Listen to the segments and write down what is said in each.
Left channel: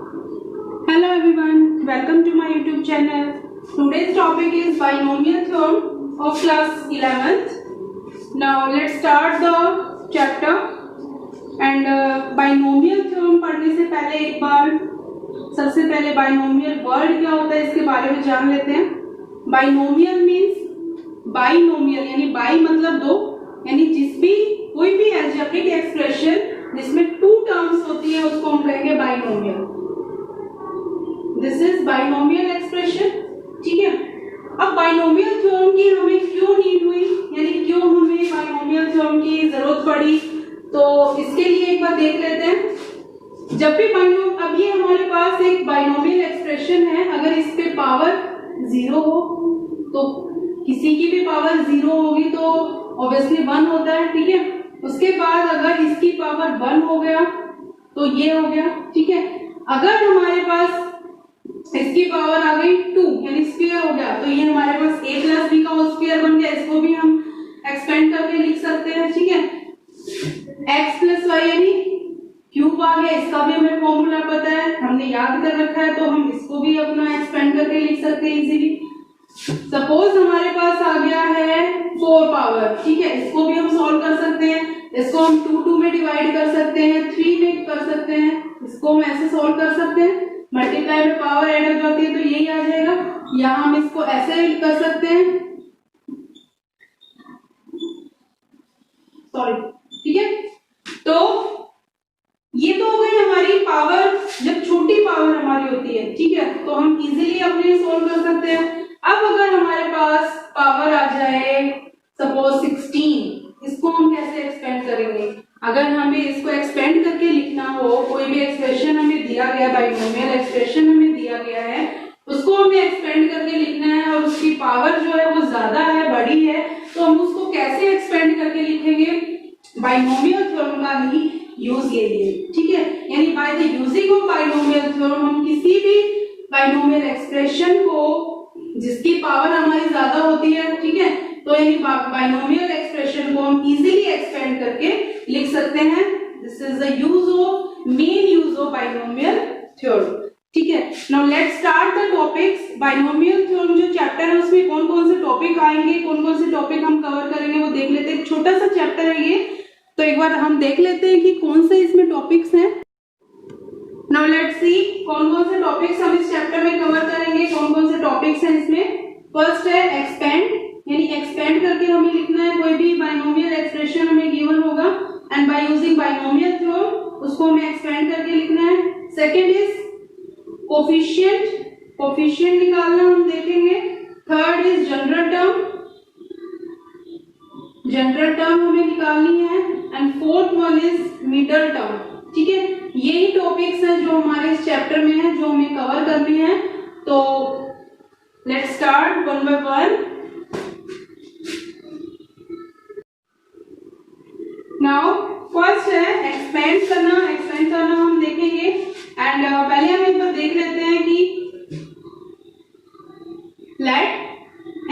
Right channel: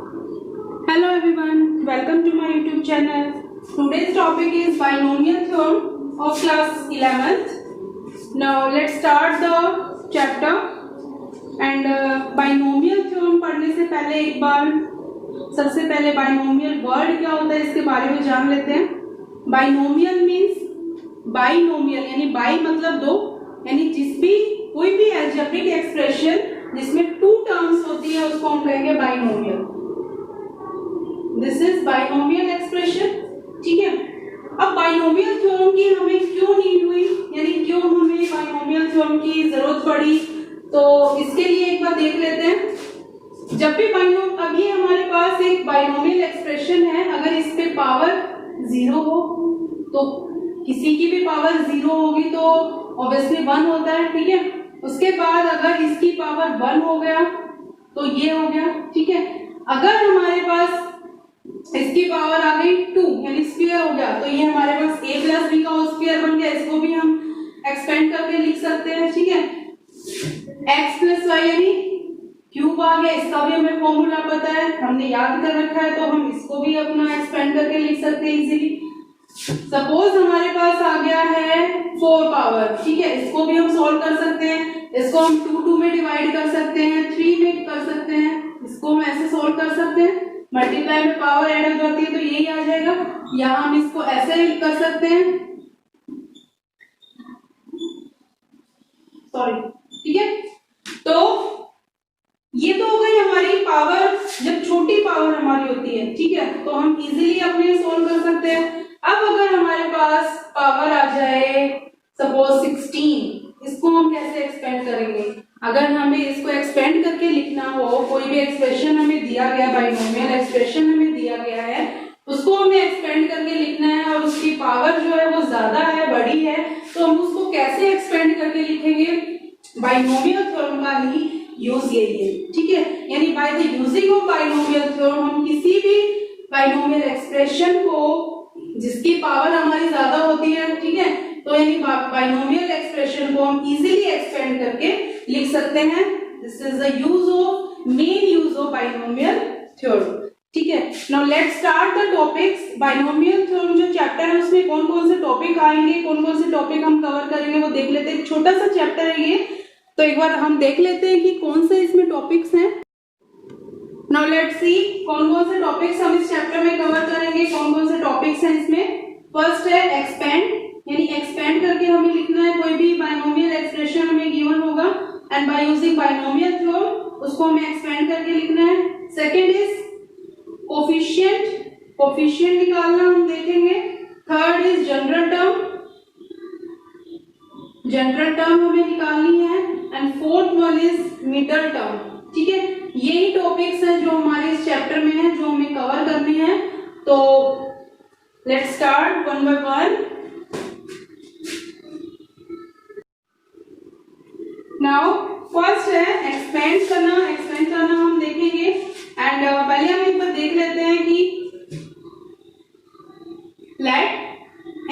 Hello everyone, welcome to my YouTube channel. Today's topic is binomial theorem of class 11th. Now let's start the chapter. And binomial theorem पढ़ने से पहले एक बार सबसे पहले binomial word क्या होता है इसके बारे में जान लेते हैं. Binomial means binomial यानी bi मतलब दो, यानी जिस भी कोई भी algebraic expression जिसमें two terms होती है उसको हम कहेंगे binomial. This is binomial expression. ठीक है. अब बाइनोमियल थ्योरम की हमें क्यों नीड हुई, यानी क्यों हमें बाइनोमियल थ्योरम की जरूरत पड़ी, तो इसके लिए एक बार देख लेते हैं. जब भी अब ये हमारे पास एक बाइनोमियल एक्सप्रेशन है, अगर इस पे पावर जीरो हो तो किसी की भी पावर जीरो होगी तो ऑब्वियसली वन होता है. ठीक है. उसके बाद अगर इसकी पावर वन हो गया तो ये हो गया. ठीक है. अगर हमारे पास इसकी पावर आ गई टू यानी स्क्वायर हो गया तो ये हमारे पास a प्लस बी का स्क्वायर बन गया. इसको भी हम एक्सपेंड करके लिख सकते हैं. ठीक है. x प्लस वाई यानी क्यूब आ गया. इसका भी हमें फॉर्मूला पता है, हमने याद कर रखा है, तो हम इसको भी अपना एक्सपेंड करके लिख सकते हैं इजीली. सपोज हमारे पास आ गया है 4 पावर. ठीक है. इसको भी हम सॉल्व कर सकते हैं. इसको हम 2 में डिवाइड कर सकते हैं, 3 में कर सकते हैं. इसको हम ऐसे सॉल्व कर सकते हैं. मल्टीप्लाई में पावर ऐड हो जाती है तो यही आ जाएगा. या हम इसको ऐसे ही कर सकते हैं. सॉरी. ठीक है. तो ये तो हो गई हमारी पावर जब छोटी पावर हमारी होती है. ठीक है. तो हम इजीली अपने सॉल्व कर सकते हैं. अब अगर हमारे पास पावर आ जाए सपोज 16, इसको हम कैसे एक्सपेंड करेंगे. अगर हमें इसको एक्सपेंड करके लिखना हो, कोई भी एक्सप्रेशन हमें दिया गया, बाइनोमियल एक्सप्रेशन हमें दिया गया है, उसको हमें एक्सपेंड करके लिखना है और उसकी पावर जो है वो ज्यादा है, बड़ी है, तो हम उसको कैसे एक्सपेंड करके लिखेंगे. बाइनोमियल थ्योरम का ही यूज कीजिए. ठीक है. यानी by the using of binomial theorem हम किसी भी बाइनोमियल एक्सप्रेशन को जिसकी पावर हमारी ज्यादा होती है, ठीक है, तो यानी बाइनोमियल एक्सप्रेशन को हम इजीली एक्सपेंड करके लिख सकते हैं. This is the use of main use of binomial theorem. ठीक है. Now let's start the topics. Binomial theorem जो चैप्टर है उसमें कौन कौन से टॉपिक आएंगे, कौन कौन से टॉपिक हम कवर करेंगे वो देख लेते हैं. छोटा सा चैप्टर है ये, तो एक बार हम देख लेते हैं कि कौन से इसमें टॉपिक्स हैं. नाउ लेट्स सी कौन कौन से टॉपिक्स हम इस चैप्टर में कवर करेंगे, कौन कौन से टॉपिक्स हैं इसमें. फर्स्ट है एक्सपेंड, यानी एक्सपेंड करके हमें लिखना है. कोई भी बाइनोमियल एक्सप्रेशन हमें गिवन होगा and bye using binomial theorem उसको हमें एक्सपेंड करके लिखना है. सेकंड इज कोफिशिएंट, कोफिशिएंट निकालना हम देखेंगे. Third is general term, general term हमें निकालनी है. And fourth one is middle term. ठीक है. यही टॉपिक्स हैं जो हमारे इस चैप्टर में है, जो हमें कवर करनी है. तो let's start one by one. Now first है एक्सपेंड करना. एक्सपेंड करना हम देखेंगे एंड पहले हम एक बार देख लेते हैं कि let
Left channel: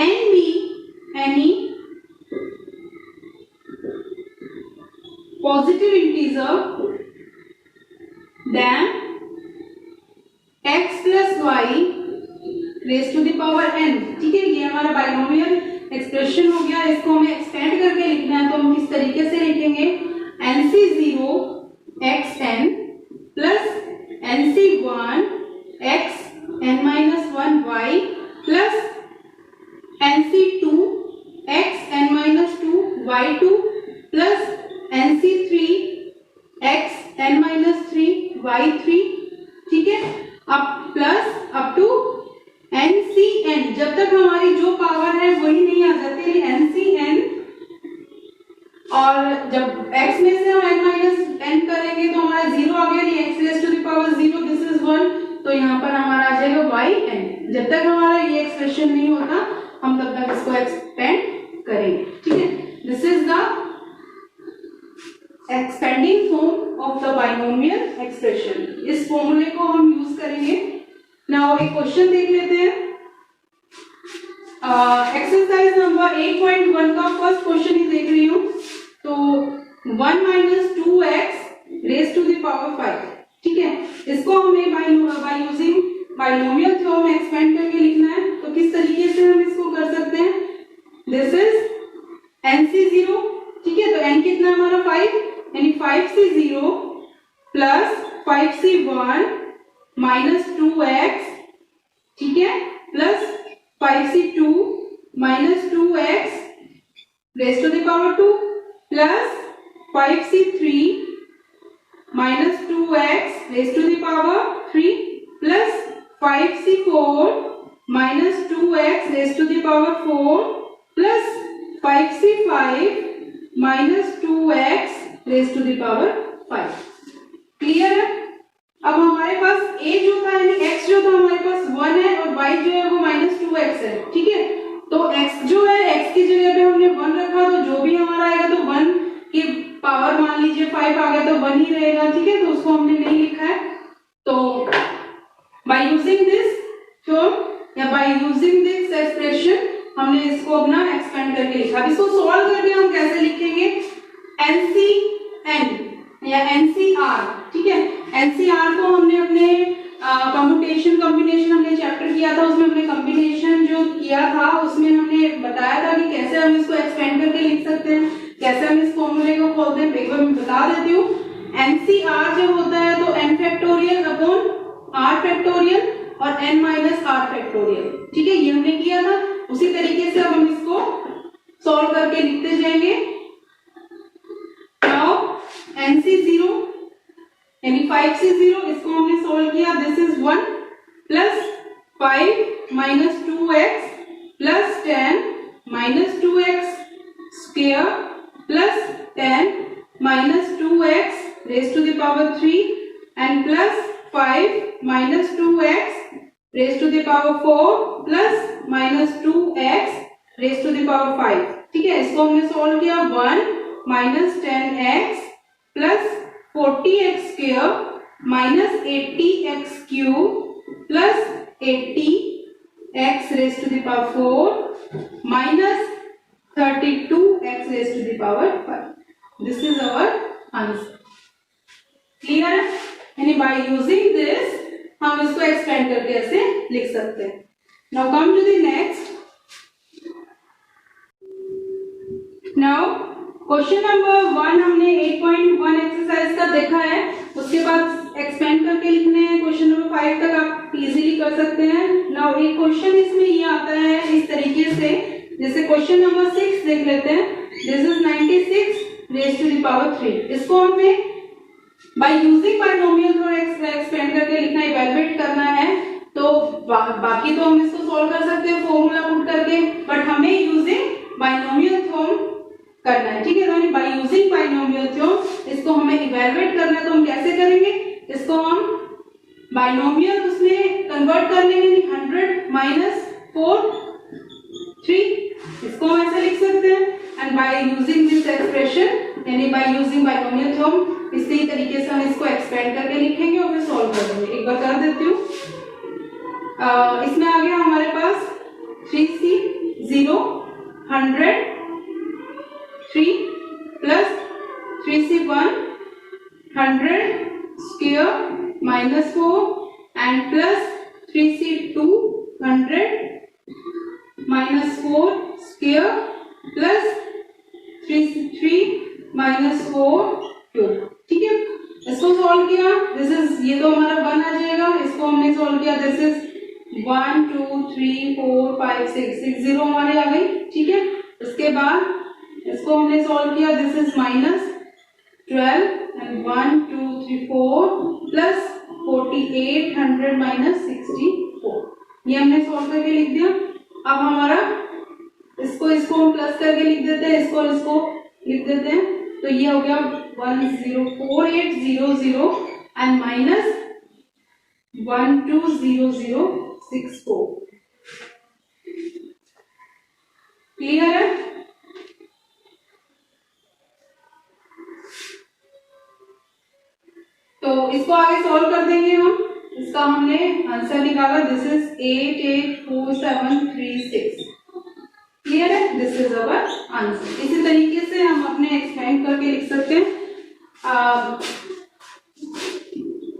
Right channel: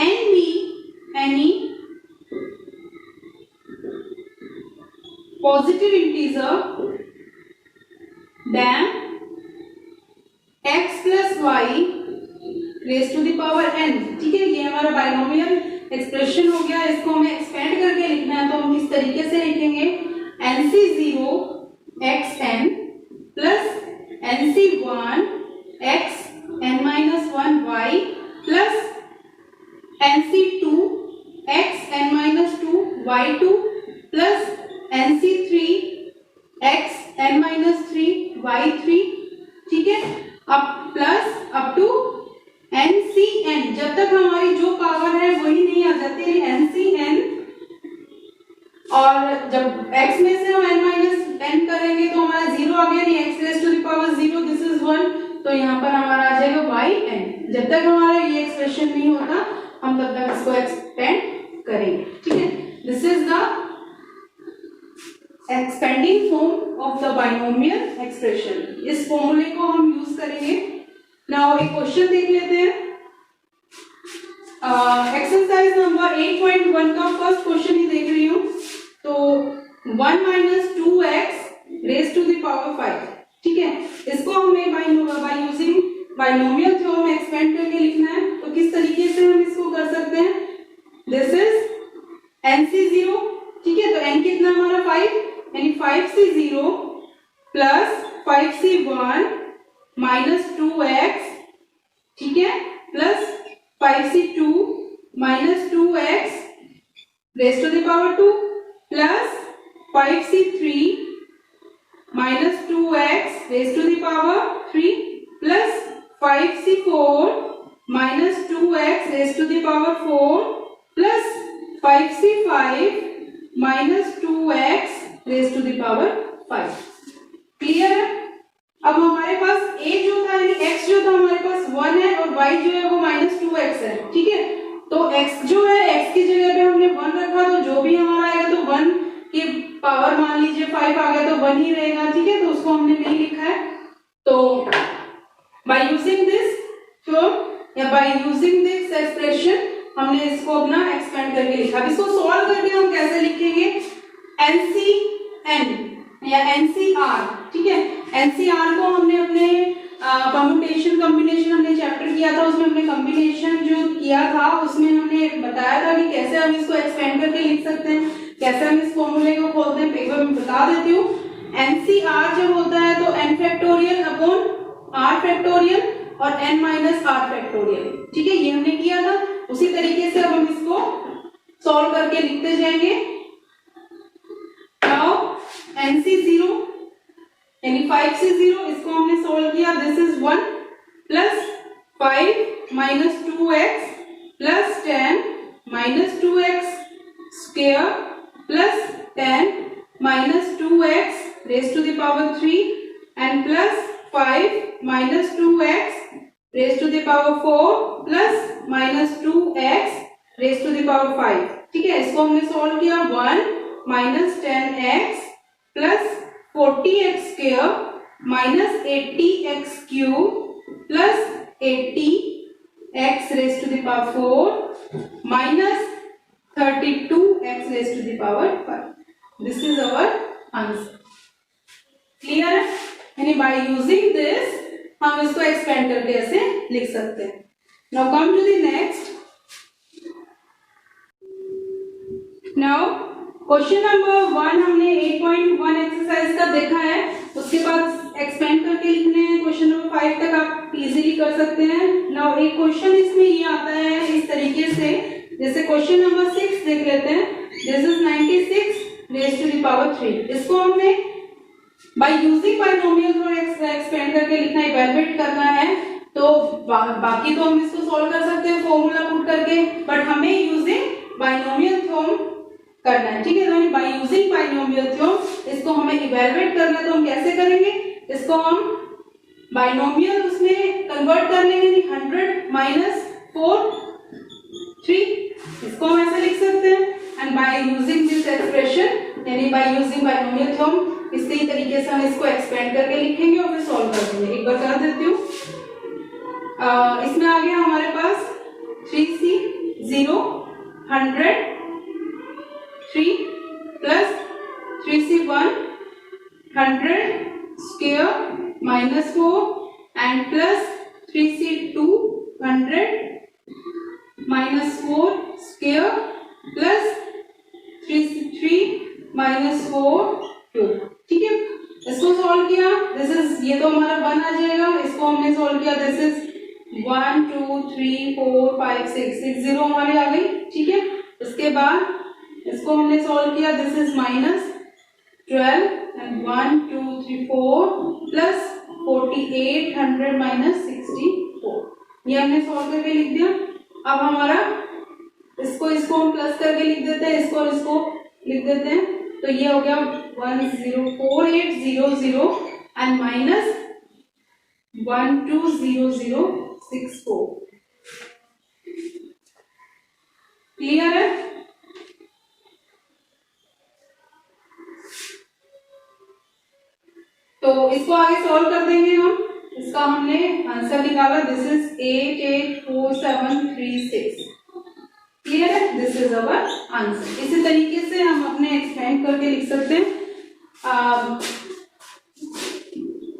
n be any positive integer then x plus Y raise to the power n. ठीक है. ये हमारा बाइनोमियल एक्सप्रेशन हो गया. इसको हमें एक्सपेंड करके लिखना है तो हम इस तरीके से लिखेंगे nc0 xn plus nc1 xn-1 y plus nc2 xn-2 y2 plus nc3 xn-3 y3. ठीक है. अब प्लस अप टू ncn, जब तक हमारी जो पावर है वही नहीं आ जाती ncn, और जब x में से हम n-n करेंगे तो हमारा जीरो आ गया, x raise to the power 0, this is 1, तो यहाँ पर हमारा आ जाएगा yn. जब तक हमारा ये एक्सप्रेशन नहीं होता हम तब तक इसको एक्सपेंड करेंगे. ठीक है. This is the expanding form of the binomial expression. इस फॉर्मूले को हम यूज करेंगे. नाउ एक क्वेश्चन देख लेते हैं. एक्सरसाइज नंबर 8.1 का फर्स्ट क्वेश्चन ही देख रही हूँ. तो 1 - 2x raise to the power 5. ठीक है. इसको हमें बाइनोमियल थ्योरम एक्सपेंड करके लिखना है तो किस तरीके से हम इसको कर सकते हैं, दिस इज NC0, ठीक है, तो n कितना हमारा 5, यानी 5C0 plus 5C1 minus 2x, ठीक है, plus 5C2 minus 2x raise to the power 2 plus 5C3 minus 2x raise to the power 3 plus 5C4 minus 2x raise to the power 4 plus 5C5 minus 2x raise to the power 5। Clear है? अब हमारे पास a जो था यानी x जो था हमारे पास 1 है और y जो है वो माइनस 2x है, ठीक है, तो x जो है x की जगह पे हमने 1 रखा तो जो भी हमारा आएगा तो 1 की पावर मान लीजिए 5 आ गया तो 1 ही रहेगा, ठीक है, तो उसको हमने नहीं लिखा है। तो बाय यूजिंग दिस थ्योरम या बाय यूजिंग दिस एक्सप्रेशन हमने इसको अपना एक्सपेंड करके लिखा। अब इसको सॉल्व करके हम कैसे लिखेंगे, NCN या NCR, ठीक है, NCR को हमने अपने कम्प्यूटेशन कॉम्बिनेशन हमने चैप्टर किया था, उसमें हमने कॉम्बिनेशन जो किया था उसमें हमने बताया था कि कैसे हम इसको एक्सपेंड करके लिख सकते हैं, कैसे हम इस फॉर्मूले को खोलते हैं, एक बार मैं बता देती हूँ। NCR जब होता है तो n factorial upon r factorial और n माइनस r फैक्टोरियल, ठीक है, ये हमने किया था। उसी तरीके से अब हम इसको सॉल्व करके लिखते जाएंगे। नाउ NC0 यानी 5C0 इसको हमने सॉल्व किया, this is 1 plus 5 minus 2x plus 10 minus 2x square plus 10 minus 2x raise to the power 3 and plus 5 minus 2x raise to the power 4 plus minus 2x raise to the power 5, ठीक है, इसको हमने solve किया 1 minus 10x plus 40x square minus 80x cube plus 80x raise to the power 4 minus 32x raise to the power 5। This is our answer. Clear है? यानी by using this हम इसको expand करके ऐसे लिख सकते हैं। Now come to the next. Now question number 1 हमने 8.1 एक्सरसाइज का देखा है, उसके बाद एक्सपेंड करके लिखने हैं क्वेश्चन नंबर 5 तक आप इजीली कर सकते हैं। नाउ एक क्वेश्चन इसमें ये आता है इस तरीके से, जैसे क्वेश्चन नंबर 6 देख लेते हैं, this is 96 raise to the power 3, इसको हमने by using binomial theorem expand करके लिखना, इवैल्यूएट करना है, तो बाकी तो हम इसको सॉल्व कर सकते हैं फॉर्मूला पुट करके, बट हमें यूजिंग बाइनोमियल थ्योरम करना है, ठीक है, तो बाय यूजिंग बाइनोमियल थ्योरम इसको हमें इवैल्यूएट करना है, तो हम कैसे करेंगे, इसको हम बाइनोमियल उसमें कन्वर्ट कर लेंगे, 100 माइनस 4 3, इसको हम ऐसे लिख सकते हैं। And by using this expression यानी बाय यूजिंग बाइनोमियल थ्योरम इसी तरीके से हम इसको एक्सपेंड करके लिखेंगे और फिर सॉल्व कर देंगे। एक बार कर देती हूँ, इसमें आ गया हमारे पास 3C0 100 3 plus 3C1 100 square minus 4 and plus 3C2 100 minus 4 square plus 3C3 minus 4 2, ठीक है, इसको सॉल्व किया, दिस इज ये तो हमारा 1 आ जाएगा, इसको हमने सॉल्व किया, दिस इज 1 2 3 4 5 6 0 हमारी आ गई, ठीक है, उसके बाद इसको हमने सॉल्व किया, this is minus 12 and 1 2 3 4 plus 48 100 minus 64, ये हमने सॉल्व करके लिख दिया। अब हमारा इसको हम प्लस करके लिख देते हैं, इसको लिख देते हैं, तो ये हो गया 104800 एंड माइनस 120064। क्लियर है? तो इसको आगे सॉल्व कर देंगे हम, इसका हमने आंसर निकाला, दिस इज 884736। क्लियर है? This is our answer. इसी तरीके से हम अपने एक्सपेंड करके लिख सकते हैं।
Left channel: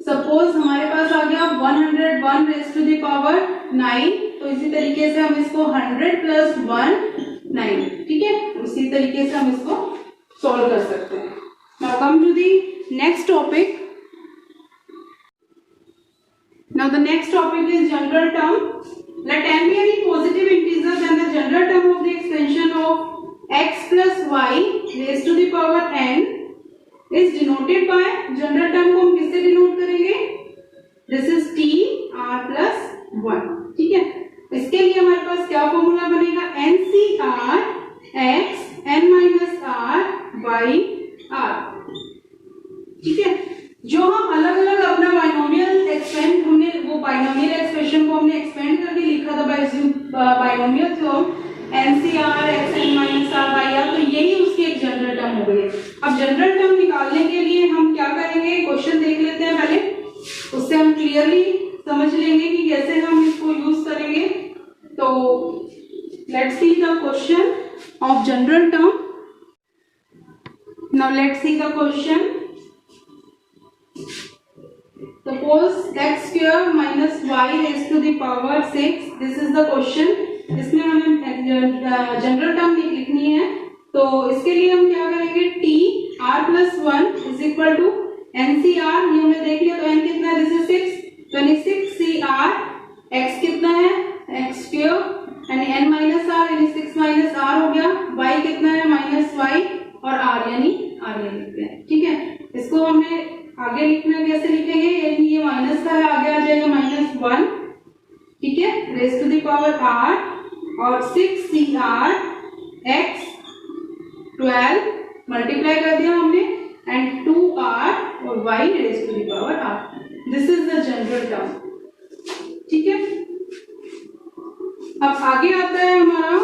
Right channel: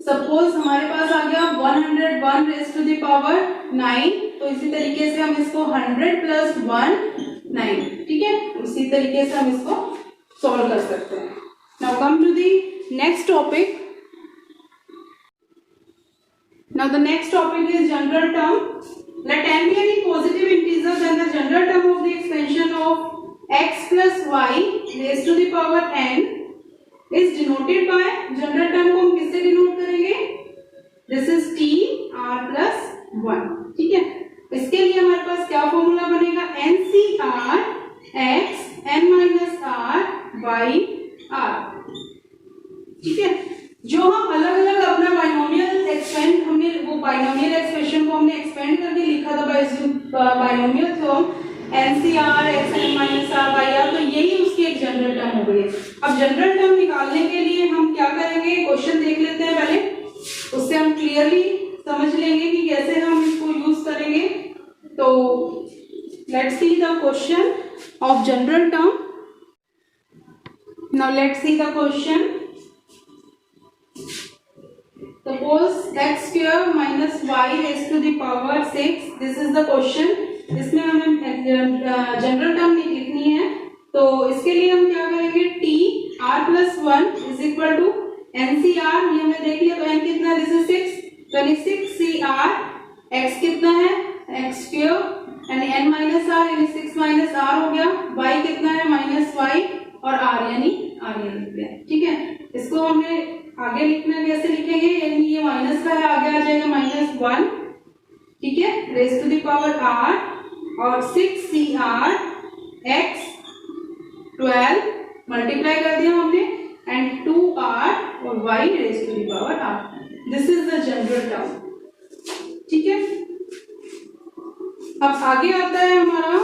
सपोज हमारे पास आ गया 101 रेज टू द पावर 9, तो इसी तरीके से हम इसको 100 प्लस 1 9, ठीक है, इसी तरीके से हम इसको सॉल्व कर सकते हैं. Now come to the next topic. Now the next topic is general term. Let n be any positive integer, then the general term of the expansion of x plus y raised to the power n is denoted by, general term को हम किससे denote करेंगे? This is t r plus 1, ठीक है. इसके लिए हमारे पास क्या फॉर्मूला बनेगा? NCR x n minus r y r, ठीक है. जो हम अलग अलग अपना बाइनोमियल एक्सपेंड, हमने वो बाइनोमियल एक्सप्रेशन को हमने एक्सपेंड करके लिखा था binomial theorem NCR x n minus r y r, तो यही उसकी एक जनरल टर्म हो गई. अब जनरल टर्म निकालने के लिए हम क्या करेंगे? क्वेश्चन देख लेते हैं पहले, उससे हम क्लियरली समझ लेंगे कि कैसे हम इसको यूज करेंगे. तो let's see the question of general term. Now let's see the question. Suppose x square minus y raised to the power 6. This is the question. इसमें हमें जनरल टर्म लिखनी है, तो इसके लिए हम क्या करेंगे? t r plus 1 is equal to NCR, ये हमने देख लिया, तो n कितना है? This is 6, 26 CR, x कितना है? x square यानी n minus r यानी 6 minus r हो गया. y कितना है? minus y और r यानी r लिखते हैं, ठीक है. इसको हमें आगे लिखना, कैसे लिखेंगे? यानी ये माइनस का है, आगे आ जाएगा -1, ठीक है, raise to the power r और 6 CR x 12 मल्टीप्लाई कर दिया हमने एंड 2r और y raise to the power r. This is the general term, ठीक है. अब आगे आता है हमारा,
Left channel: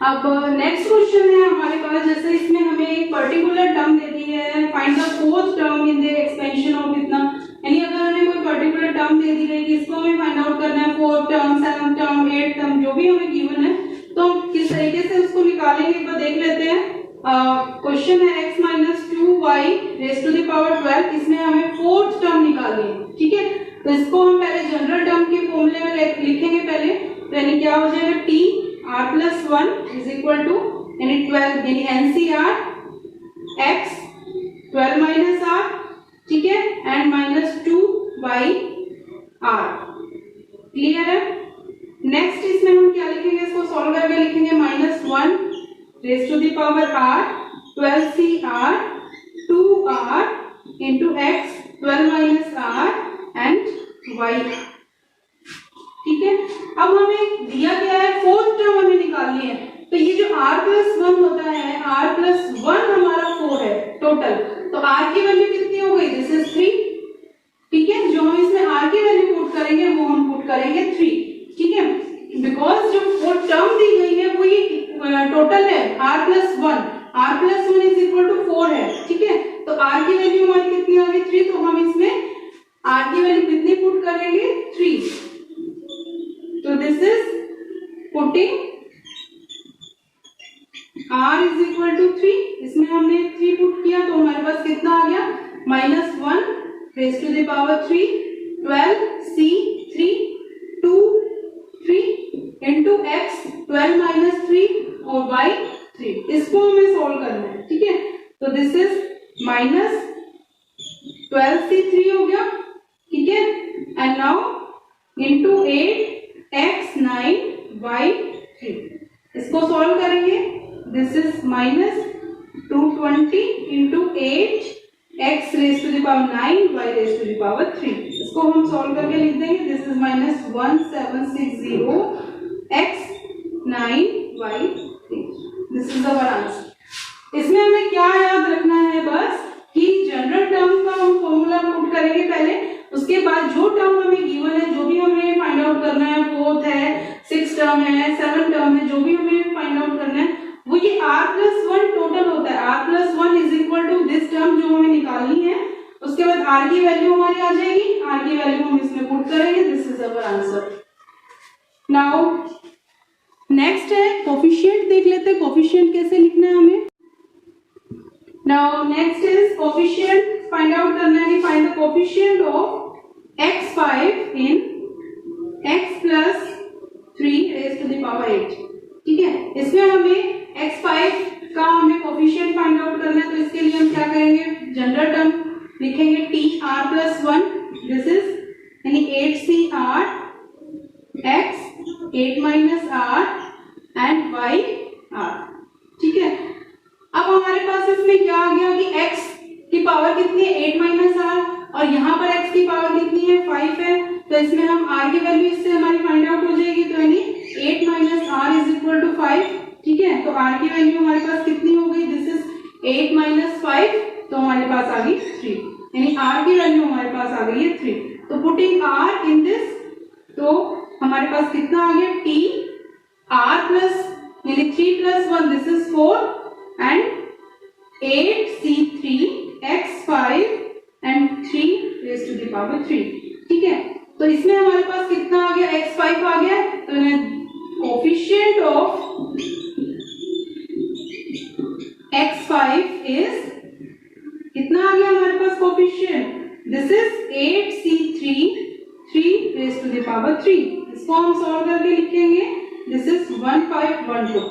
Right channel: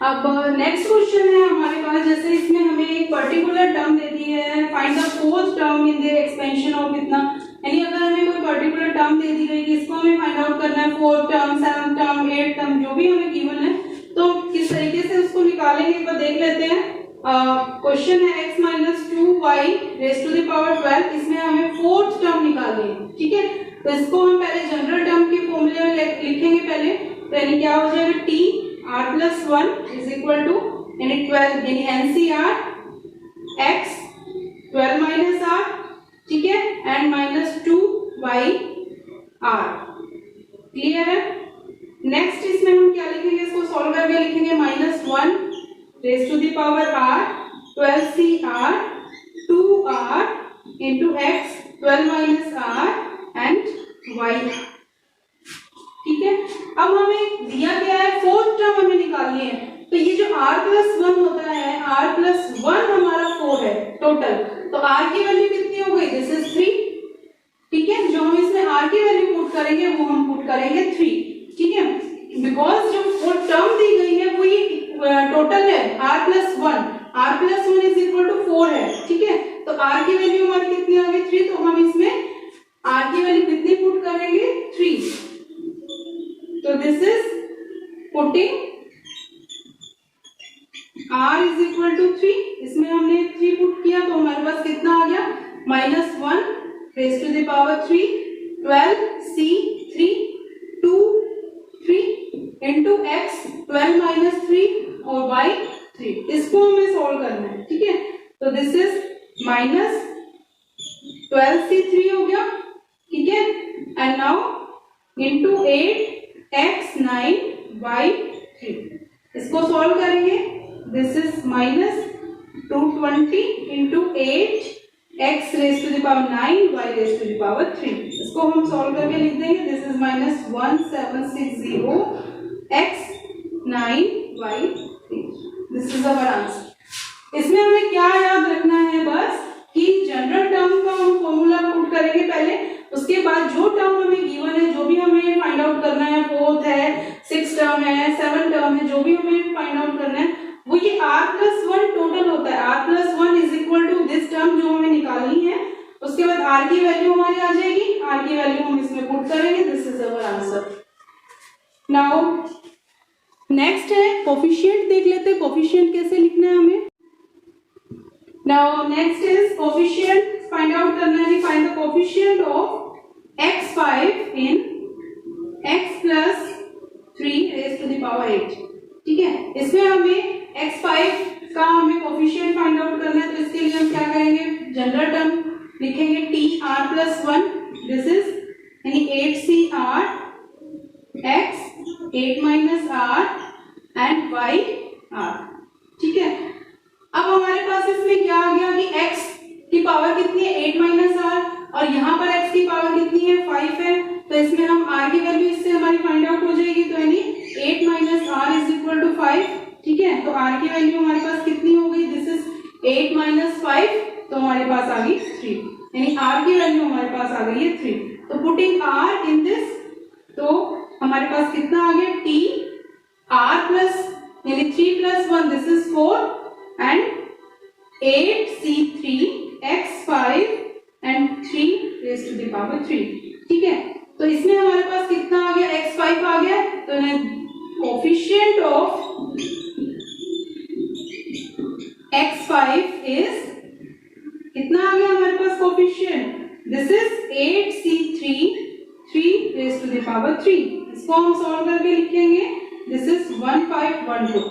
अब नेक्स्ट क्वेश्चन है हमारे पास. जैसे इसमें हमें एक पर्टिकुलर टर्म दे दी है, find the fourth term in the expansion of इतना, यानी अगर हमें कोई पर्टिकुलर टर्म दे दी गई, इसको हमें फाइंड आउट करना है. Fourth term, seventh term, eighth term, जो भी हमें गिवन है, तो हम किस तरीके से उसको निकालेंगे एक बार देख लेते हैं. क्वेश्चन है x minus 2y raise to the power 12. इसमें हमें फोर्थ टर्म निकालनी है, ठीक है. तो इसको हम पहले जनरल टर्म के फॉर्मूले में लिखेंगे पहले, तो यानी क्या हो जाएगा? t r plus 1 is equal to यानी 12 यानी NCR x 12 minus r, ठीक है, and minus 2y r. Clear है? नेक्स्ट इसमें हम क्या लिखेंगे? इसको सॉल्व करके लिखेंगे -1 raise to the power r 12 CR 2r into x 12 minus r and y, ठीक है. अब हमें दिया गया है फोर्थ टर्म हमें निकालनी है, तो ये जो r plus 1 होता है, r plus 1 हमारा 4 है टोटल, तो r की वैल्यू कितनी हो गई? दिस इज 3, ठीक है. जो हम इसमें r की वैल्यू पुट करेंगे वो हम पुट करेंगे 3, ठीक है, बिकॉज जो फोर्थ टर्म दी गई है वो ये टोटल है r plus 1 is equal to 4 है, ठीक है. तो r की वैल्यू हमारी कितनी आ गई? 3. तो हम इसमें r की वैल्यू कितनी पुट करेंगे? 3. तो this is putting r is equal to 3. इसमें हमने 3 पुट किया, तो हमारे पास कितना आ गया? -1 raise to the power 3 12 c 3 2 3 into x 12 minus 3 और y 3. इसको हमें सॉल्व करना है, ठीक है. तो दिस इज -12 c 3 हो गया, ठीक है, and now into 8 x 9 y 3. इसको सॉल्व करेंगे. This is -220 into 8 x raise to the power 9 y raise to the power 3. इसको हम सॉल्व करके लिख देंगे. This is -1760 x 9 y 3. This is our answer. इसमें हमें क्या याद रखना है? बस कि जनरल टर्म का हम फॉर्मूला पुट करेंगे पहले, उसके बाद जो टर्म हमें गिवन है, जो भी हमें फाइंड आउट करना है, फोर्थ है, 6 टर्म है, 7 टर्म है, जो भी हमें फाइंड आउट करना है, वो ये r plus 1 टोटल होता है. r plus 1 is equal to this term जो हमें निकालनी है, उसके बाद r की वैल्यू हमारी आ जाएगी, r की वैल्यू हम इसमें पुट करेंगे. This is our answer. Now next है कोफिशिएंट. देख लेते हैं कोफिशिएंट कैसे लिखना है हमें. Now next is coefficient find out करना है, find the coefficient of x5 in x plus 3 raise to the power 8। ठीक है, इसमें हमें x5 का हमें कोफिशिएंट फाइंड आउट करना है, तो इसके लिए हम क्या करेंगे, जनरल टर्म लिखेंगे t r plus 1, this is यानी 8c r x 8 minus r and y r। ठीक है, अब हमारे पास इसमें क्या आ गया कि x की पावर कितनी है 8 माइनस r, और यहाँ पर x की पावर कितनी है 5 है, तो इसमें हम r की वैल्यू इससे हमारी फाइंड आउट हो जाएगी, तो यानी 8 minus r is equal to 5। ठीक है, तो r की वैल्यू हमारे पास कितनी हो गई, दिस इज 8 माइनस 5, तो हमारे पास आ गई 3, यानी r की वैल्यू हमारे पास आ गई है 3। तो पुटिंग r इन दिस, तो हमारे पास कितना आ गया t r प्लस यानी 3 plus 1 this is 4 and 8c3 x5 and 3 raise to the power 3। ठीक है, तो इसमें हमारे पास कितना आ गया, x5 आ गया, तो कोफिशिएंट ऑफ x5 इज कितना आ गया हमारे पास coefficient, this is 8c3 3 raise to the power 3। इसको हम सॉल्व करके लिखेंगे, दिस इज 1512।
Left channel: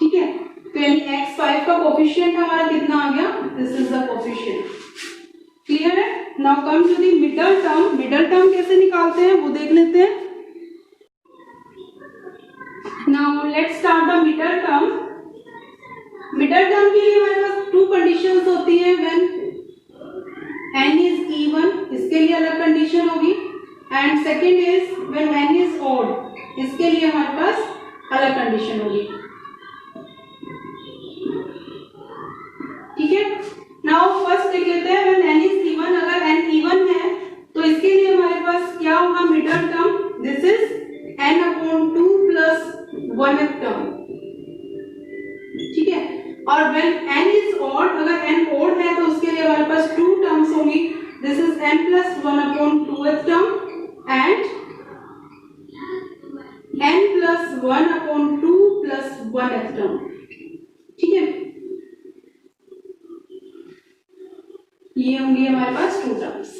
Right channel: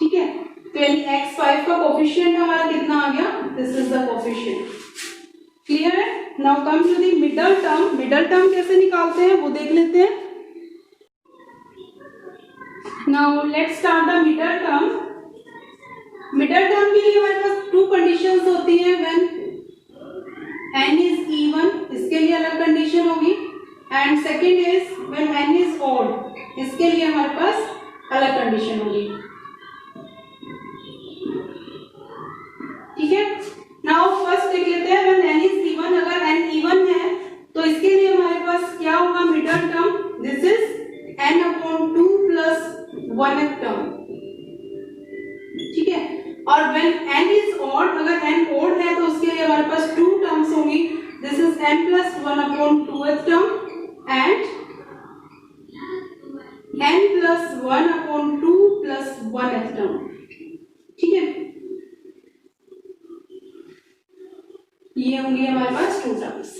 ठीक है, तो यानी x5 का कोफिशिएंट हमारा कितना आ गया, this is the coefficient. Clear है? Now come to the middle term. Middle term कैसे निकालते हैं वो देख लेते हैं। Now let's start the middle term. Middle term के लिए हमारे पास 2 कंडीशंस होती है, व्हेन n इज इवन, इसके लिए अलग कंडीशन होगी, and second is when n is odd, इसके लिए हमारे पास अलग कंडीशन होगी। ठीक है, नाउ फर्स्ट देख लेते हैं व्हेन n इज इवन। अगर n इवन है तो इसके लिए हमारे पास क्या होगा middle term, this is n upon 2 plus 1 term. ठीक है, और व्हेन n इज ऑड, अगर n ऑड है तो उसके लिए हमारे पास 2 टर्म्स होंगी, this is n plus 1 upon 2th term and n plus 1 upon 2 plus 1th term. ठीक है, ये होंगी हमारे पास 2 टर्म्स।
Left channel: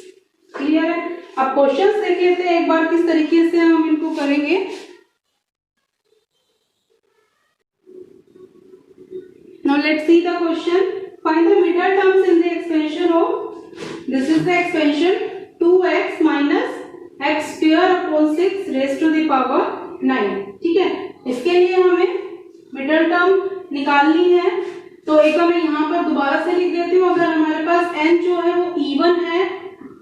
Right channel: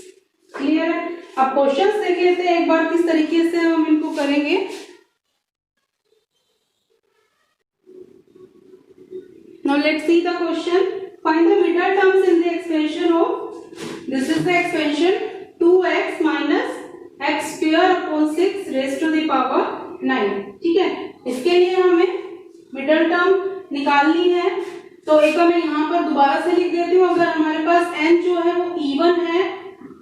क्लियर है? अब क्वेश्चंस देख लेते हैं एक बार किस तरीके से हम इनको करेंगे। Now let's see the question. Find the middle terms in the expansion of, this is the expansion 2x minus x square upon 6 raised to the power 9। ठीक है, इसके लिए हमें मिडल टर्म निकालनी है, तो एक बार मैं यहाँ पर दोबारा से लिख देती हूँ। अगर हमारे पास n जो है वो इवन है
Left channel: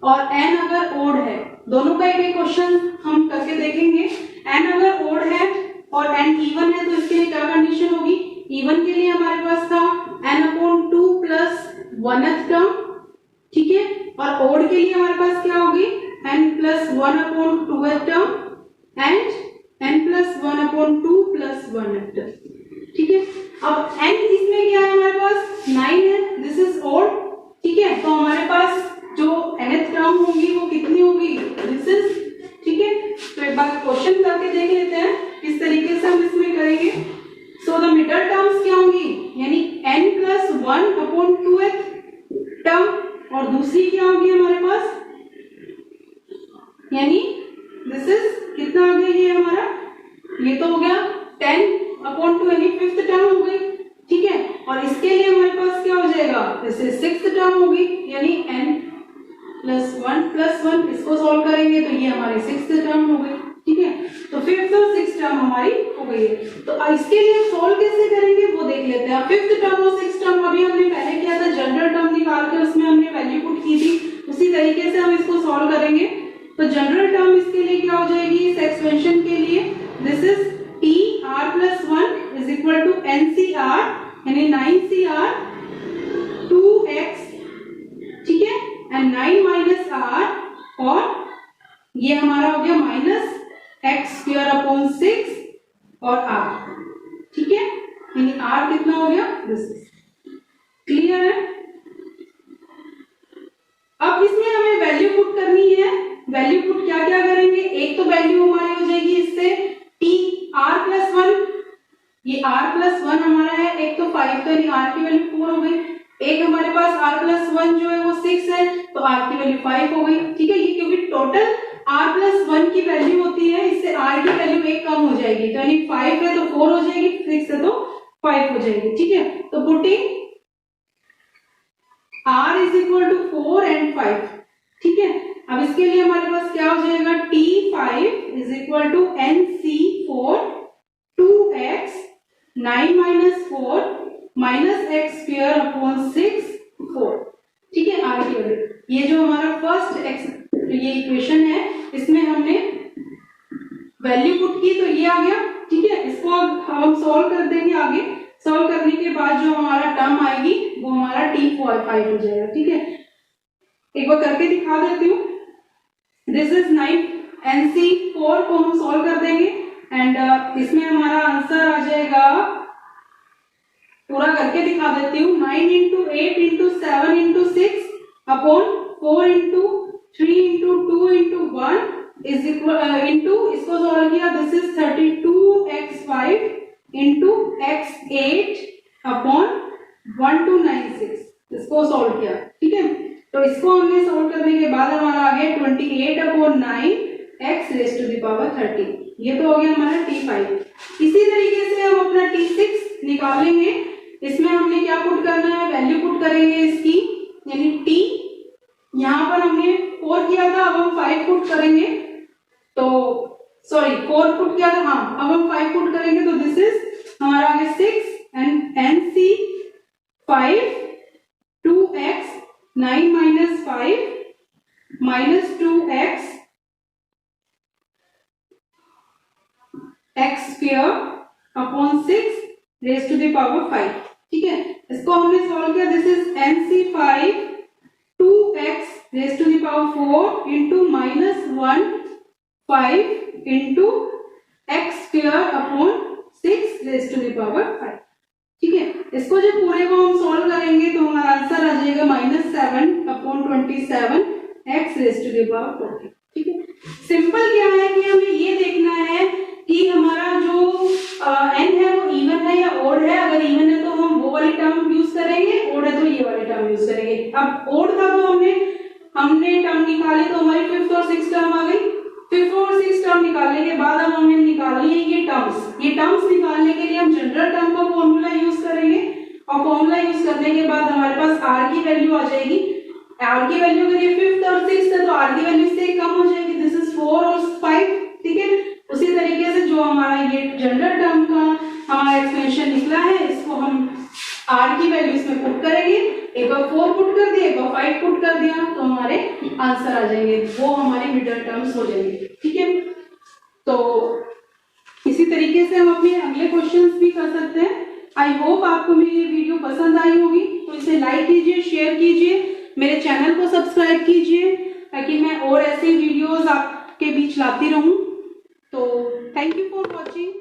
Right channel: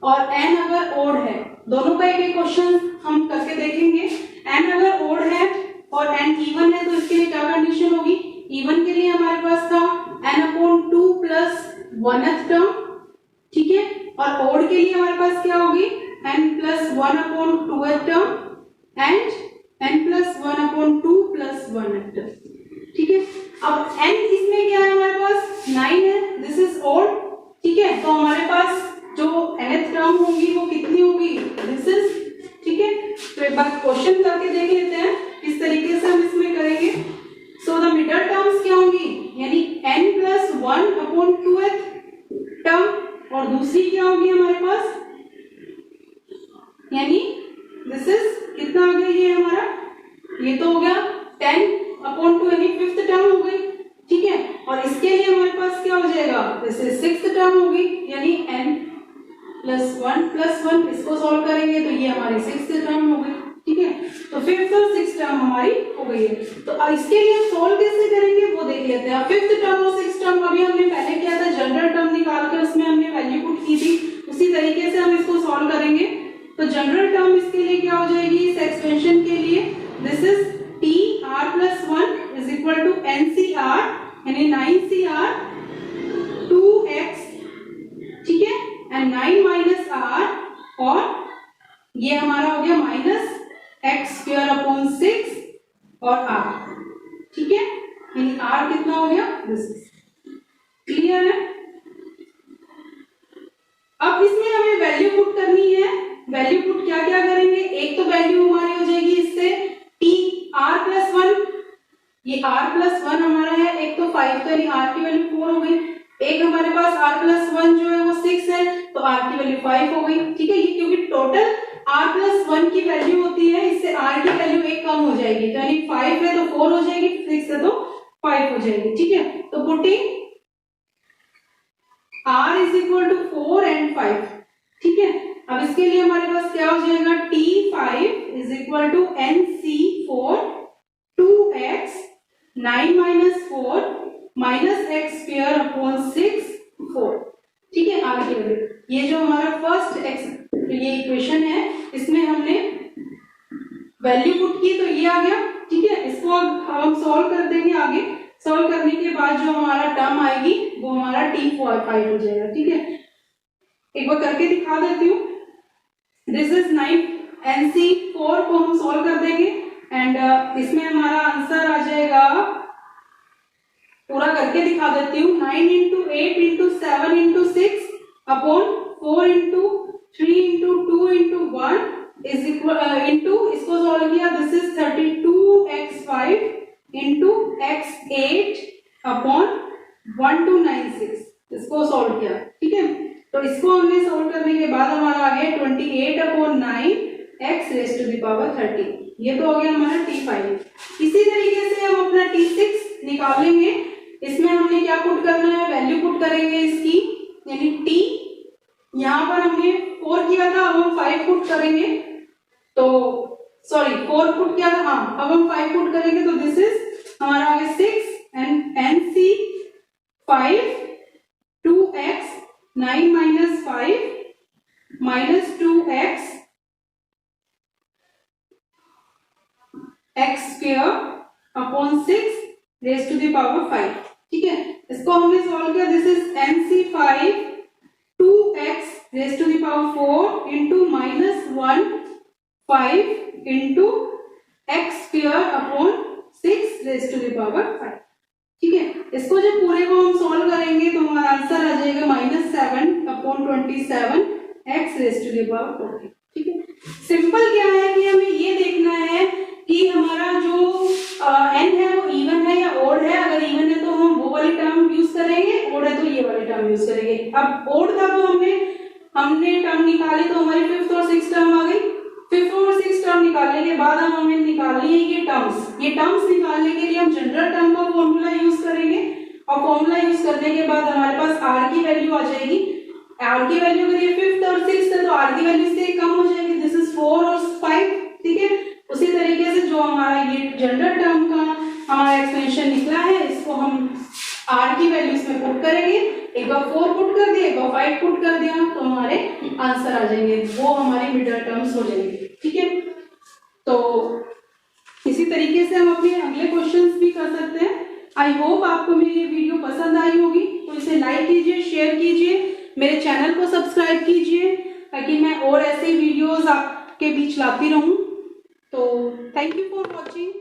और n अगर ओड है, दोनों का एक क्वेश्चन हम करके देखेंगे। n अगर ओड है और n इवन है तो इसके लिए क्या कंडीशन होगी, इवन के लिए हमारे पास था n upon 2 plus 1th term. ठीक है, और ओड के लिए हमारे पास क्या होगी n plus 1 upon 2th term and n plus 1 upon 2 plus 1th term. ठीक है, अब n इसमें क्या है हमारे पास 9 है, दिस इज ओड। ठीक है, तो हमारे पास जो nth टर्म होगी वो कितनी होगी, दिस इज। ठीक है, तो एक बार क्वेश्चन करके देख लेते हैं किस तरीके से हम इसमें करेंगे। सो द मिडल टर्म्स क्या होंगी, यानी n plus 1 upon 2th term, और दूसरी क्या होगी हमारे पास, यानी दिस इज कितना आ गया, ये हमारा ये तो हो गया 10 अपॉन 2 यानी 5th टर्म हो गई। ठीक है, और इसके लिए हमारे पास क्या हो जाएगा, दिस इज 6th टर्म होगी, यानी n प्लस 1, इसको सॉल्व करेंगे तो ये हमारी 6th टर्म हो गई। ठीक है, तो 5th और 6th टर्म हमारी हो गई है। तो इसके लिए हम सॉल्व कैसे करेंगे वो देख लेते हैं। 5th टर्म और 6th टर्म अभी हमने पहले किया था, जनरल टर्म निकाल के उसमें हमने वैल्यू पुट की थी, उसी तरीके से हम इसको सॉल्व करेंगे। तो जनरल टर्म इसके लिए क्या हो जाएगी, इस एक्सपेंशन के लिए, this is t r plus 1 is equal to ncr यानी 9cr 2x। ठीक है, एंड 9 माइनस r, और ये हमारा हो गया माइनस x स्क्वायर अपॉन 6 और r। ठीक है, यानी r कितना हो गया, दिस इज। क्लियर है? अब इसमें हमें वैल्यू पुट करनी है। वैल्यू पुट क्या क्या करेंगे, एक तो वैल्यू हमारी हो जाएगी इससे t r प्लस 1, ये r प्लस 1 हमारा है, एक तो 5, तो यानी r की वैल्यू 4 हो गई। एक हमारे पास r+1 जो है वो 6 है, तो r की वैल्यू 5 हो गई। ठीक है, ये क्योंकि टोटल r+1 की वैल्यू होती है, इससे r की वैल्यू एक कम हो जाएगी, तो यानी 5 है तो 4 हो जाएगी, 6 है तो 5 हो जाएगी। ठीक है, तो putting r is equal to 4 and 5। ठीक है, अब इसके लिए हमारे पास क्या हो जाएगा, T5 is equal to NC4 2x 9 minus 4 minus x square upon 6 4। ठीक है, आर की वैल्यू, ये जो हमारा फर्स्ट ये इक्वेशन है, इसमें हमने वैल्यू पुट की तो ये आ गया। ठीक है, इसको अब हम सॉल्व कर देंगे आगे। सॉल्व करने के बाद जो हमारा टर्म आएगी वो हमारा T5 हो जाएगा। ठीक है, एक बार करके दिखा देती हूँ। दिस इज 9 NC4 को हम सॉल्व कर देंगे एंड इसमें हमारा आंसर आ जाएगा, पूरा करके दिखा देती हूँ, 9 into 8 into 7 into 6 upon 4 into 3 into 2 into 1 is equal into, इसको सॉल्व किया, this is 32x5 into x8 upon 1296, इसको सॉल्व किया। ठीक है, तो इसको हमने सॉल्व करने के बाद हमारा आ गया 28 upon 9 x raise to the power 13। ये तो हो गया हमारा T5। इसी तरीके से हम अपना T6 निकालेंगे। इसमें हमने क्या पुट करना है, वैल्यू पुट करेंगे इसकी, यानी T यहाँ पर हमने 4 किया था, अब हम 5 पुट करेंगे, तो सॉरी 4 पुट किया था, हाँ अब हम 5 पुट करेंगे, तो दिस इज हमारा आ गया 6 and NC5 2x 9 minus 5 minus 2x x square upon 6 raise to the power 5। ठीक है, इसको हमने सॉल्व किया, this is NC5 2x raise to the power 4 into minus 1 5 into x square upon 6 raise to the power 5। ठीक है, इसको जब पूरे को हम सॉल्व करेंगे तो हमारा आंसर आ जाएगा -7 upon 27 x raise to the power 4। ठीक है, सिंपल क्या है कि हमें ये देखना है कि हमारा जो n है वो इवन है या ओड है। अगर इवन है तो हम वो वाली टर्म यूज करेंगे, ओड है तो ये वाली टर्म यूज करेंगे। अब ओड था तो हमने टर्म निकाली, तो हमारी फिफ्थ और सिक्स टर्म आ गई। फिफ्थ और सिक्स टर्म निकालने के बाद अब हमें निकालनी है ये टर्म्स। ये टर्म्स निकालने के लिए हम जनरल टर्म का फॉर्मूला यूज करेंगे, और फॉर्मूला यूज करने के बाद हमारे पास r की वैल्यू आ जाएगी। r की वैल्यू अगर ये फिफ्थ और सिक्स है तो r की वैल्यू से कम हो जाएगी, दिस इज 4 और 5। ठीक है, उसी तरीके से जो हमारा ये जनरल टर्म का हमारा एक्सपेंशन निकला है, इसको हम r की वैल्यू इसमें पुट करेंगे। एक बार 4 पुट कर दिया, एक बार 5 पुट कर दिया, तो हमारे आंसर आ जाएंगे, वो हमारी मिडल टर्म्स हो जाएंगे। ठीक है, तो इसी तरीके से हम अपने अगले क्वेश्चंस भी कर सकते हैं। आई होप आपको मेरी ये वीडियो पसंद आई होगी, तो इसे लाइक कीजिए, शेयर कीजिए, मेरे चैनल को सब्सक्राइब कीजिए, ताकि मैं और ऐसे वीडियोस आपके बीच लाती रहूं। तो थैंक यू फॉर वॉचिंग।